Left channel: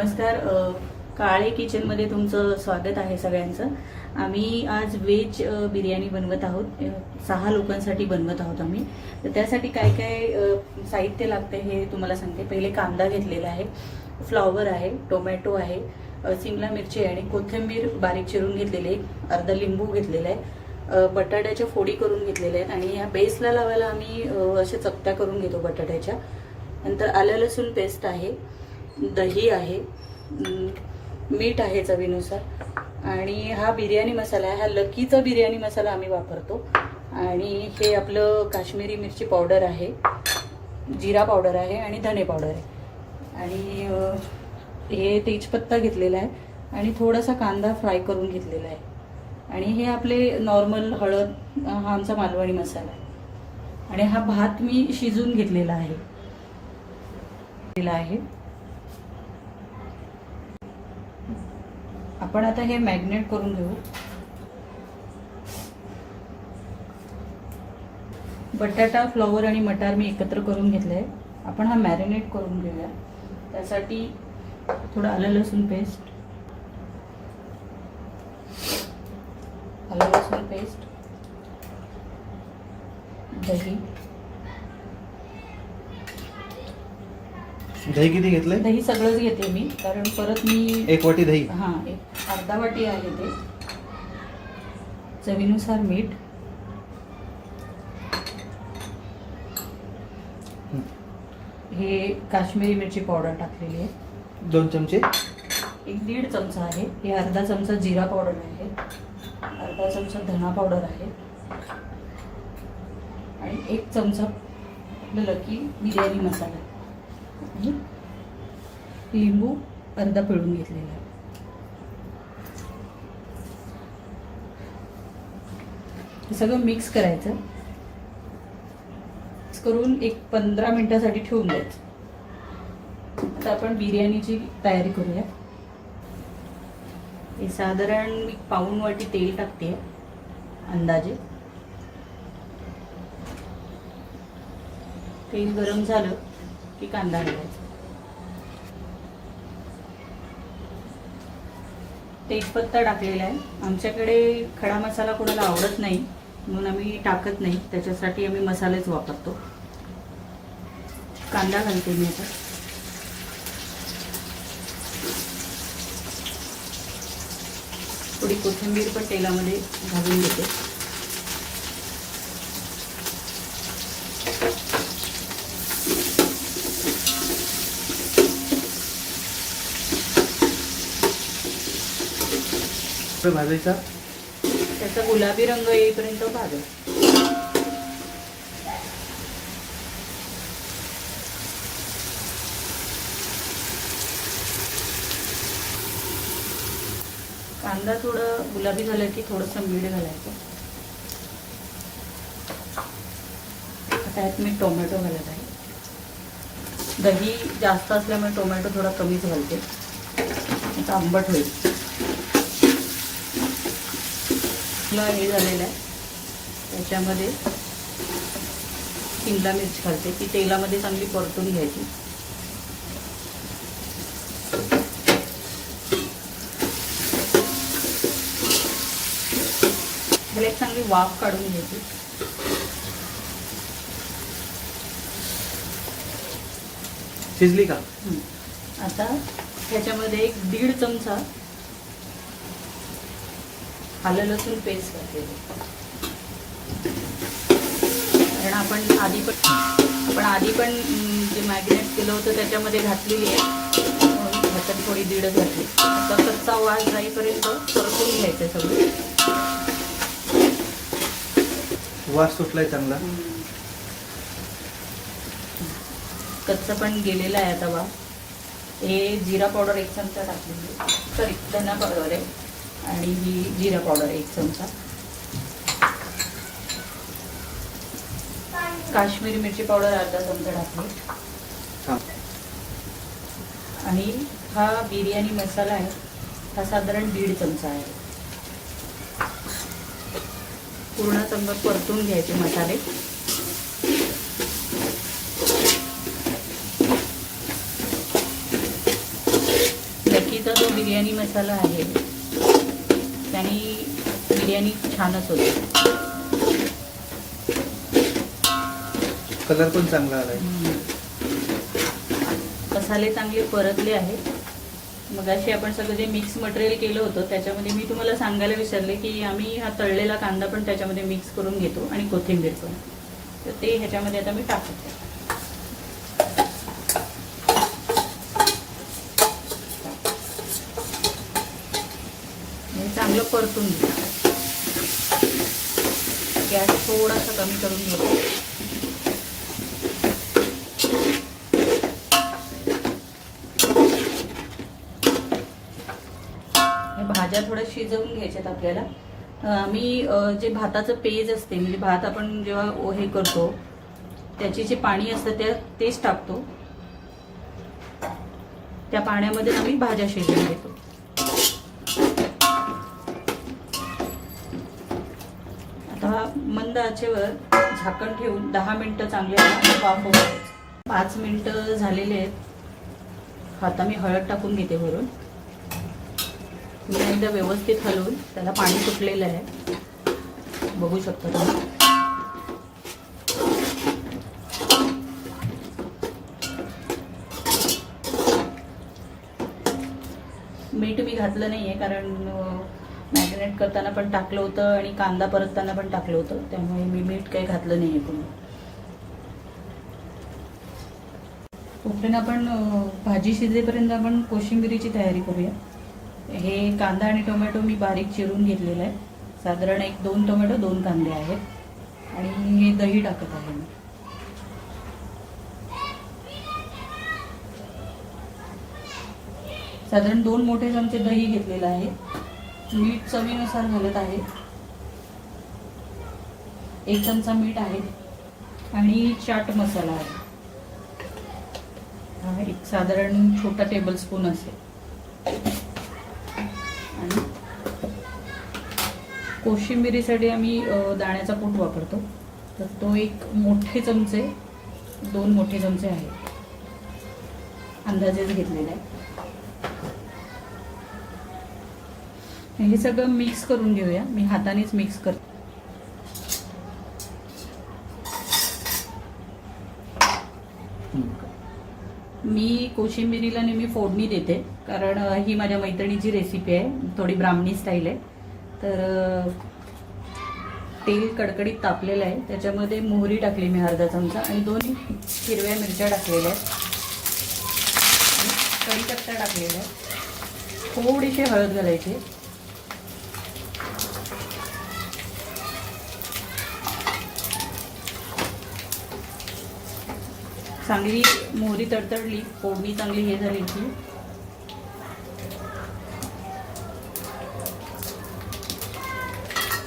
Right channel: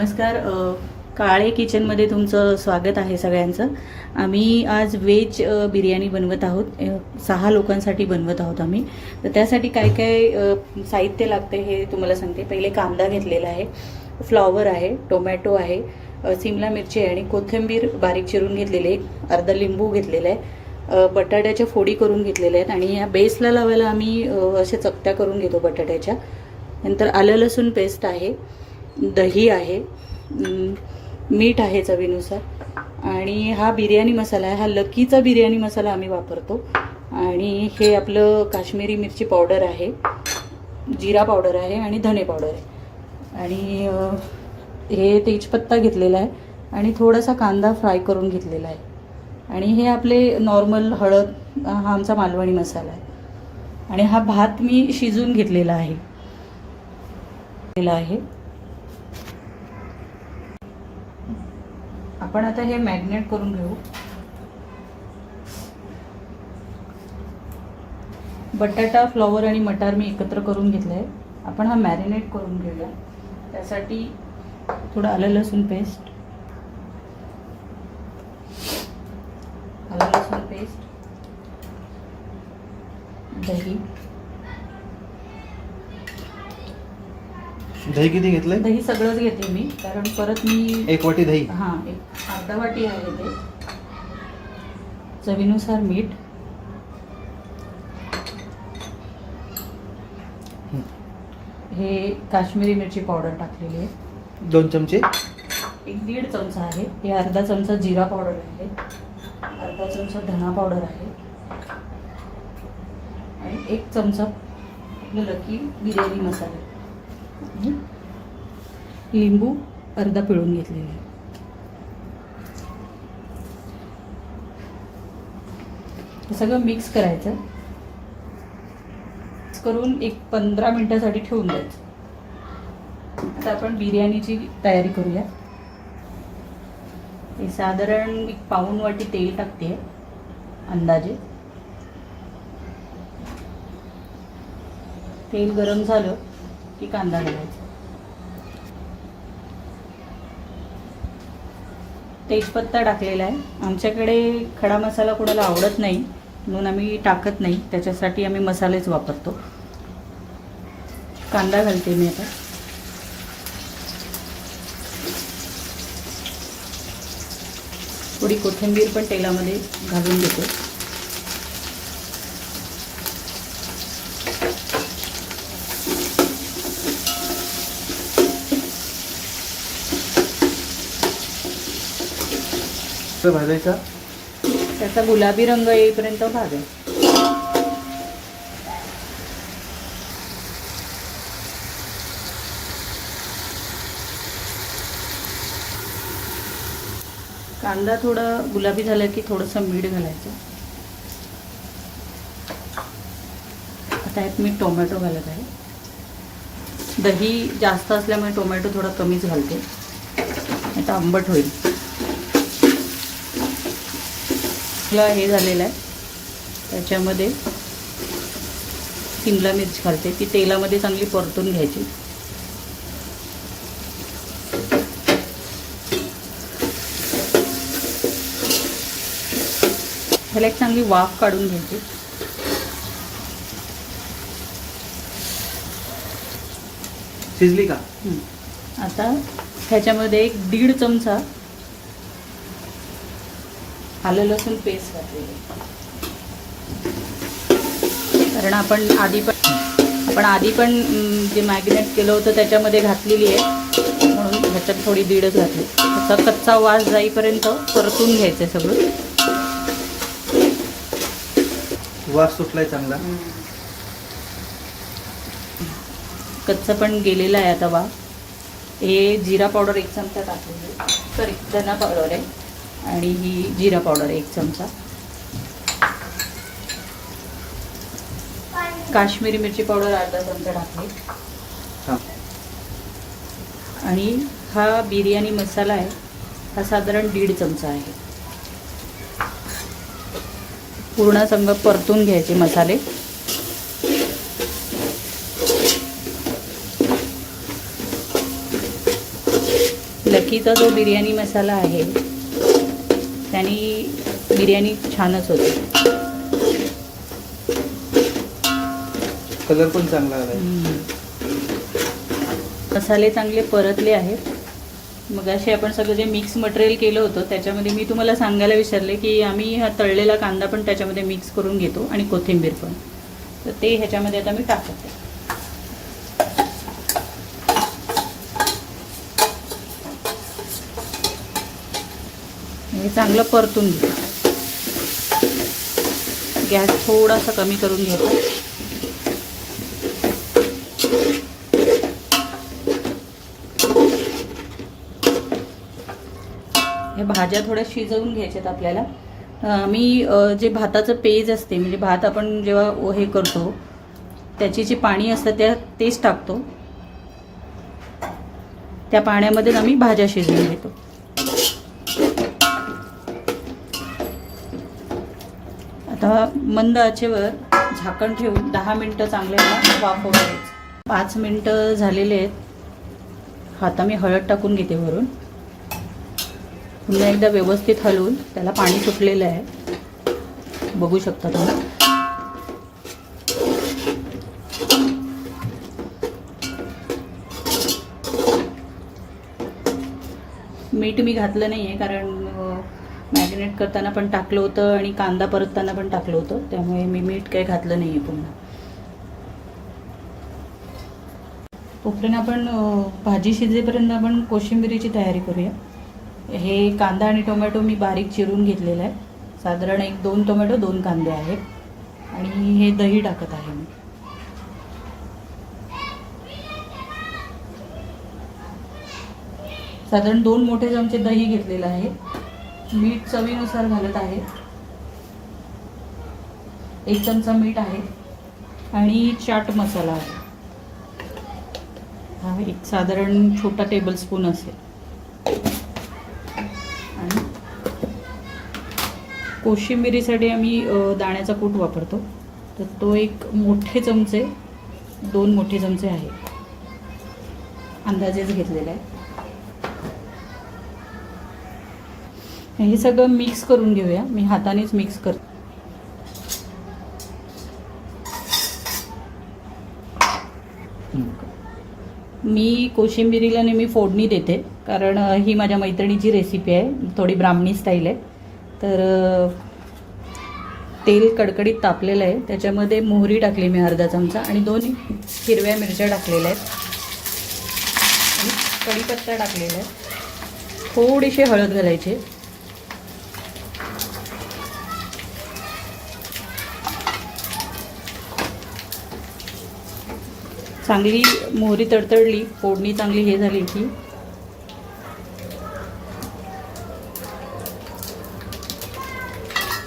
नमस्कार. काळे किचनमध्ये तुमचं स्वागत आहे सगळ्यांचं. आम्ही आज व्हेज बिर्याणी बनवत आहोत. 6 लोकांसाठी बनवत आहोत आम्ही. तर त्यासाठी काय काय साहित्य लागते हे तुम्हाला सांगते. पहिले कांदा घेतलेला आहे, फ्लॉवर आहे, टोमॅटो आहे, सिमला मिरची आहे आणि कोथिंबीर बारीक चिरून घेतलेली आहे, अर्धा लिंबू घेतलेला आहे, बटाट्याच्या फोडी करून घेतलेल्या आहेत आणि या बेसला लावायला आम्ही अशा चकत्या करून घेतो बटाट्याच्या. नंतर आलं लसूण पेस्ट आहे, दही आहे, मीठ आहे चवीनुसार आणि हा बिर्याणी मसाला आहे. हा लकीचा बिर्याणी मसाला आम्ही वापरतो. आणि हे आपलं काश्मीरी मिरची पावडर आहे, जिरा पावडर आहे आणि धणे पावडर आहे. आणि हे तेजपत्ता घेतलेला आहे आणि थोडासा कांदा फ्राय करून घेतलेला आहे. आणि हे आपले नॉर्मल हळद, हा आमचा मालवणी मसाला आहे. आणि हा भात मी शिजून घेतलेला आहे. आपण आता हे मॅरिनेट करून घेऊ. बटाटा, फ्लॉवर आणि मटार मी एकत्र करून घेतले आहे. आपण हा मॅरिनेट करून घेऊया. त्यासाठी थोडं आलं लसूण पेस्ट, दही. दही किती घेतलंय? दही सगळंच घेते मी, कारण परत मी 1 वाटी दही. हां, अर्धा वाटी आहे ते. चवीनुसार मीठ, हे काश्मीरी मिरची पावडर टाकलेली आहे 2 चमचे, 1-1.5 चमचा आहे. हे अर्धा चमचा जिरा पावडर आहे, अर्धा चमचा धना पावडर आहे आणि 1 चमचा आपलं लकी बिर्याणी मसाला. लिंबू अर्धा पिळून घेतलेला आहे. हे सगळं मिक्स करायचं. मिक्स करून 15 मिनिटासाठी ठेवून द्यायचं. आता आपण बिर्याणीची तयारी करूया. हे साधारण मी पाऊण वाटी तेल टाकते अंदाजे. तेल गरम झालं की कांदा घालायचा. तेजपत्ता टाकलेला आहे. आमच्याकडे खडा मसाला कोणाला आवडत नाही म्हणून आम्ही टाकत नाही, त्याच्यासाठी आम्ही मसालेच वापरतो. कांदा घालते मी आता. थोडी कोथिंबीर पण तेलामध्ये घालून घेते. भाजायचा, त्याचा गुलाबी रंग येईपर्यंत भाजा. कांदा थोडा गुलाबी झाला की थोडंसं मीठ घालायचं. आता यात मी टोमॅटो घालत आहे. दही जास्त असल्यामुळे टोमॅटो थोडा कमीच घालते, आता आंबट होईल. हे झालेलं आहे. त्याच्यामध्ये सिमला मिरची घालते. ती तेलामध्ये चांगली परतून घ्यायची. ह्याला एक चांगली वाफ काढून घ्यायची. शिजली का? आता ह्याच्यामध्ये 1-1.5 चमचा आलं लसूण पेस्ट घातलेली. कारण आपण आधी पण जे मॅरिनेट केलं होतं त्याच्यामध्ये घातलेली आहे, म्हणून ह्याच्यात थोडी 1.5 घातली. आता कच्चा वास जाईपर्यंत परतून घ्यायचं सगळं. वास सुटलाय चांगला. कच्चा पण गेलेला आहे आता वास. हे जिरा पावडर 1 चमचा टाकलेली, सॉरी धना पावडर आहे आणि ही जिरा पावडर 1 चमचा, काश्मीरी मिरची पावडर अर्धा चमचा टाकली. आणि हा बिर्याणी मसाला आहे, हा साधारण 1.5 चमचा आहे. पूर्ण संग परतून घ्यायचे मसाले. कोथिंबीरीचा जो बिर्याणी मसाला आहे त्याने बिर्याणी छानच होते. कलर पण चांगला आलाय. मसाले चांगले परतले आहेत. मग असे आपण सगळं जे मिक्स मटेरियल केलं होतं त्याच्यामध्ये मी तुम्हाला सांगायला विसरले की आम्ही हा तळलेला कांदा पण त्याच्यामध्ये मिक्स करून घेतो आणि कोथिंबीर पण. तर ते ह्याच्यामध्ये आता मी टाकते. हे चांगलं परतून घेऊ. गॅस थोडासा कमी करून घ्यायचा. हे भाज्या थोड्या शिजवून घ्यायच्यात आपल्याला. मी जे भाताचं पेज असते म्हणजे भात आपण जेव्हा हे करतो त्याची जी पाणी असतं तेच टाकतो. त्या पाण्यामध्ये आम्ही भाज्या शिजवून घेतो. आता मंद आचेवर झाकण ठेवून 10 मिनिटं चांगले वाफवून घ्यायचं. 5 मिनिटं झालेले आहेत. आता मी हळद टाकून घेते वरून. पुन्हा एकदा व्यवस्थित हलवून त्याला पाणी सुटलेलं आहे, बघू शकता तुम्ही. मीठ मी घातलं नाही आहे कारण मॅरिनेट करताना पण टाकलं होतं आणि कांदा परतताना पण टाकलं होतं, त्यामुळे मी मीठ काही घातलं नाही आहे पुन्हा. तोपर्यंत आपण भाजी शिजेपर्यंत आपण कोशिंबिरीची तयारी करूया. हे कांदा आणि टोमॅटो मी बारीक चिरून घेतलेला आहे. साधारण 1-2 टोमॅटो 2 कांदे आहेत आणि हे दही टाकत आहे मी. साधारण 2 मोठे चमचे दही घेतलेलं आहे. मीठ चवीनुसार घालत आहे. 1 चमचा मीठ आहे आणि चाट मसाला आहे. हा एक साधारण छोटा टेबलस्पून असेल. आणि कोशिंबिरीसाठी आम्ही दाण्याचा कूट वापरतो, तर तो 1 मोठे चमचे 2 मोठे चमचे आहे, अंदाजेच घेतलेले आहे. हे सगळं मिक्स करून घेऊया. मी हातानेच मिक्स करते. मी कोशिंबिरीला नेहमी फोडणी देते कारण ही माझ्या मैत्रिणीची रेसिपी आहे, थोडी ब्राह्मणी स्टाईल आहे. तर तेल कडकडीत तापलेलं आहे, त्याच्यामध्ये मोहरी टाकली मी अर्धा चमचा आणि 2 हिरव्या मिरच्या टाकलेल्या आहेत आणि कढीपत्ता टाकलेला आहे. थोडीशी हळद घालायची. चांगली मोहरी तडतडली, फोडणी चांगली हे झाली की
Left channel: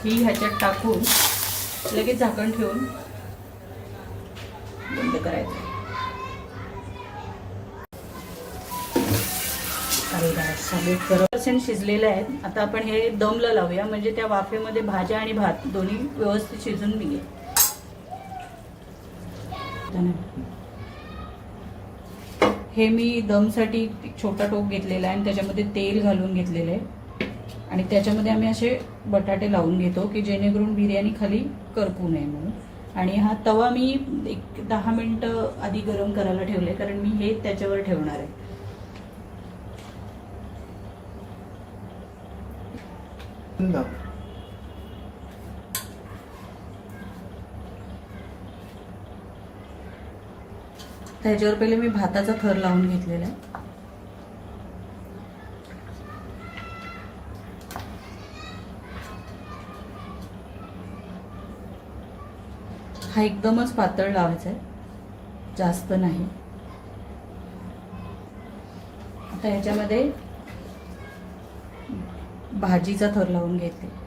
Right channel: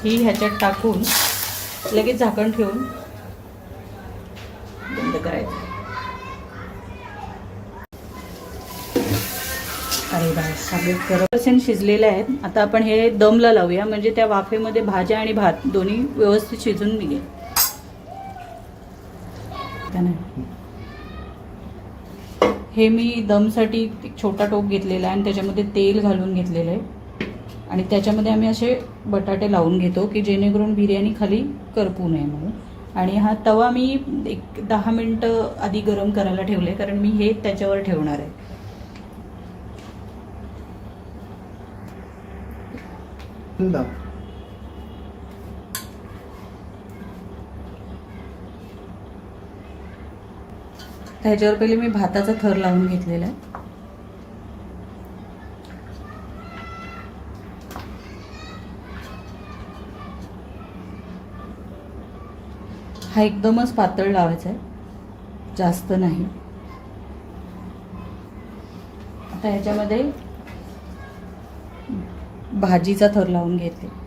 ही ह्याच्यात टाकून लगेच झाकण ठेवून बंद करायचं. अरे बा, सगळे 40% शिजलेले आहेत. आता आपण हे दमला लावूया म्हणजे त्या वाफेमध्ये भाज्या आणि भात दोन्ही व्यवस्थित शिजून निघेल. हे मी दमसाठी एक छोटा टोप घेतलेला आहे आणि त्याच्यामध्ये तेल घालून घेतलेलं आहे आणि त्याच्यामध्ये आम्ही असे बटाटे लावून घेतो की जेणेकरून बिर्याणी खाली करपू नये म्हणून. आणि हा तवा मी 10 मिनिटं आधी गरम करायला ठेवले कारण मी हे त्याच्यावर ठेवणार आहे. त्याच्यावर पहिले मी भाताचा थर लावून घेतलेला आहे. हा एकदमच पातळ लावायचा आहे, जास्त नाही. आता ह्याच्यामध्ये भाजीचा थर लावून घेते.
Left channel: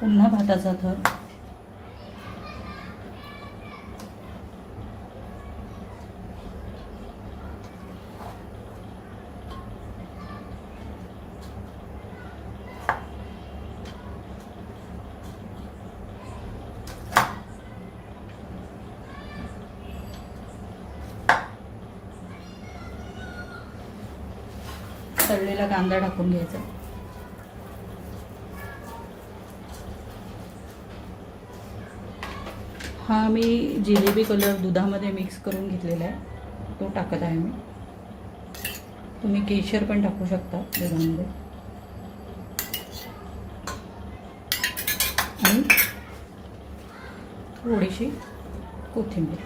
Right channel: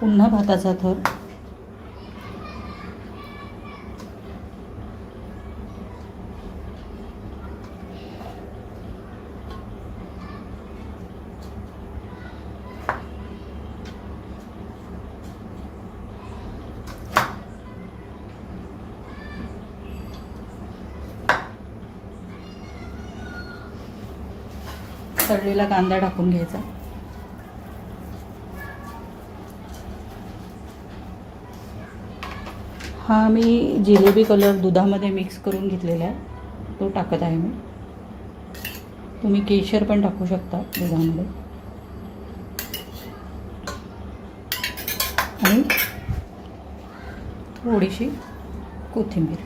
पुन्हा भाताचा थर. तळलेला कांदा टाकून घ्यायचा. हा मी जिलेबी कलर दुधामध्ये मिक्स करून घेतलेला आहे, तो टाकत आहे मी. तुम्ही केशर पण टाकू शकता दुधामध्ये. आणि थोडीशी कोथिंबीर.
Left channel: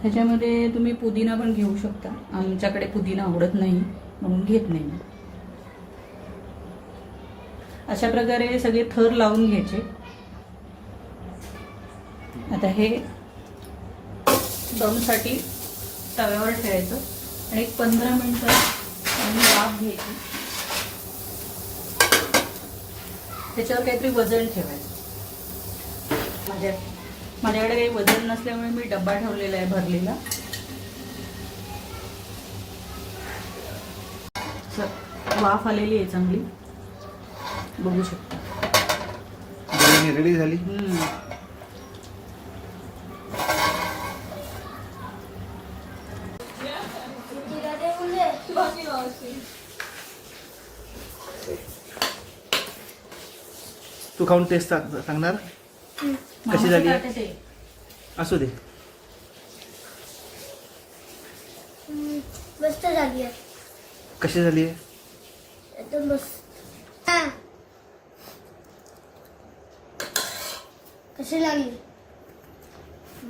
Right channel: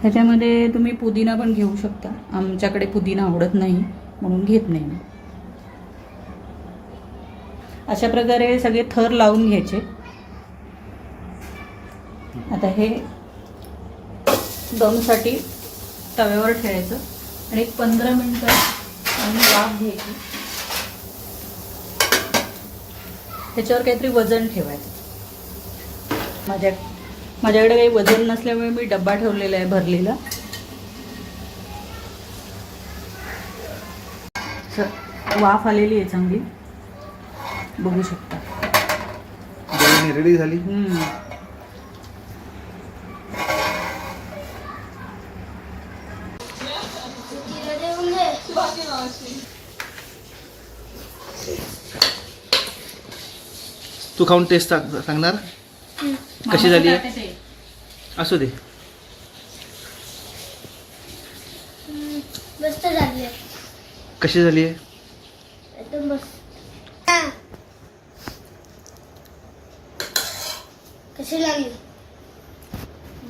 ह्याच्यामध्ये तुम्ही पुदिना पण घेऊ शकता. आमच्याकडे पुदिना आवडत नाही म्हणून घेत नाही मी. अशा प्रकारे सगळे थर लावून घ्यायचे. आता हे दमसाठी तव्यावर ठेवायचं आणि एक 15 मिनिटं वाफ घ्यायची. त्याच्यावर काहीतरी वजन ठेवायचं. माझ्याकडे काही वजन नसल्यामुळे मी डब्बा ठेवलेला आहे भरलेला. वाफ आलेली आहे चांगली, बघू शकता. बिर्याणी रेडी झाली. तू खाऊन टेस्ट सांगणार कशी झाली आहे? असू दे. मस्त झाली आहे. कशी झाली आहे? एकदम मस्त. कशी लागली?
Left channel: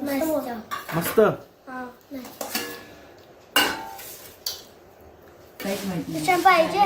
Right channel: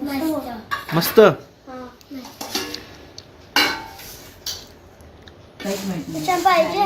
मस्त. मस्त. हा, मस्त. काहीच माहित नाही. पाहिजे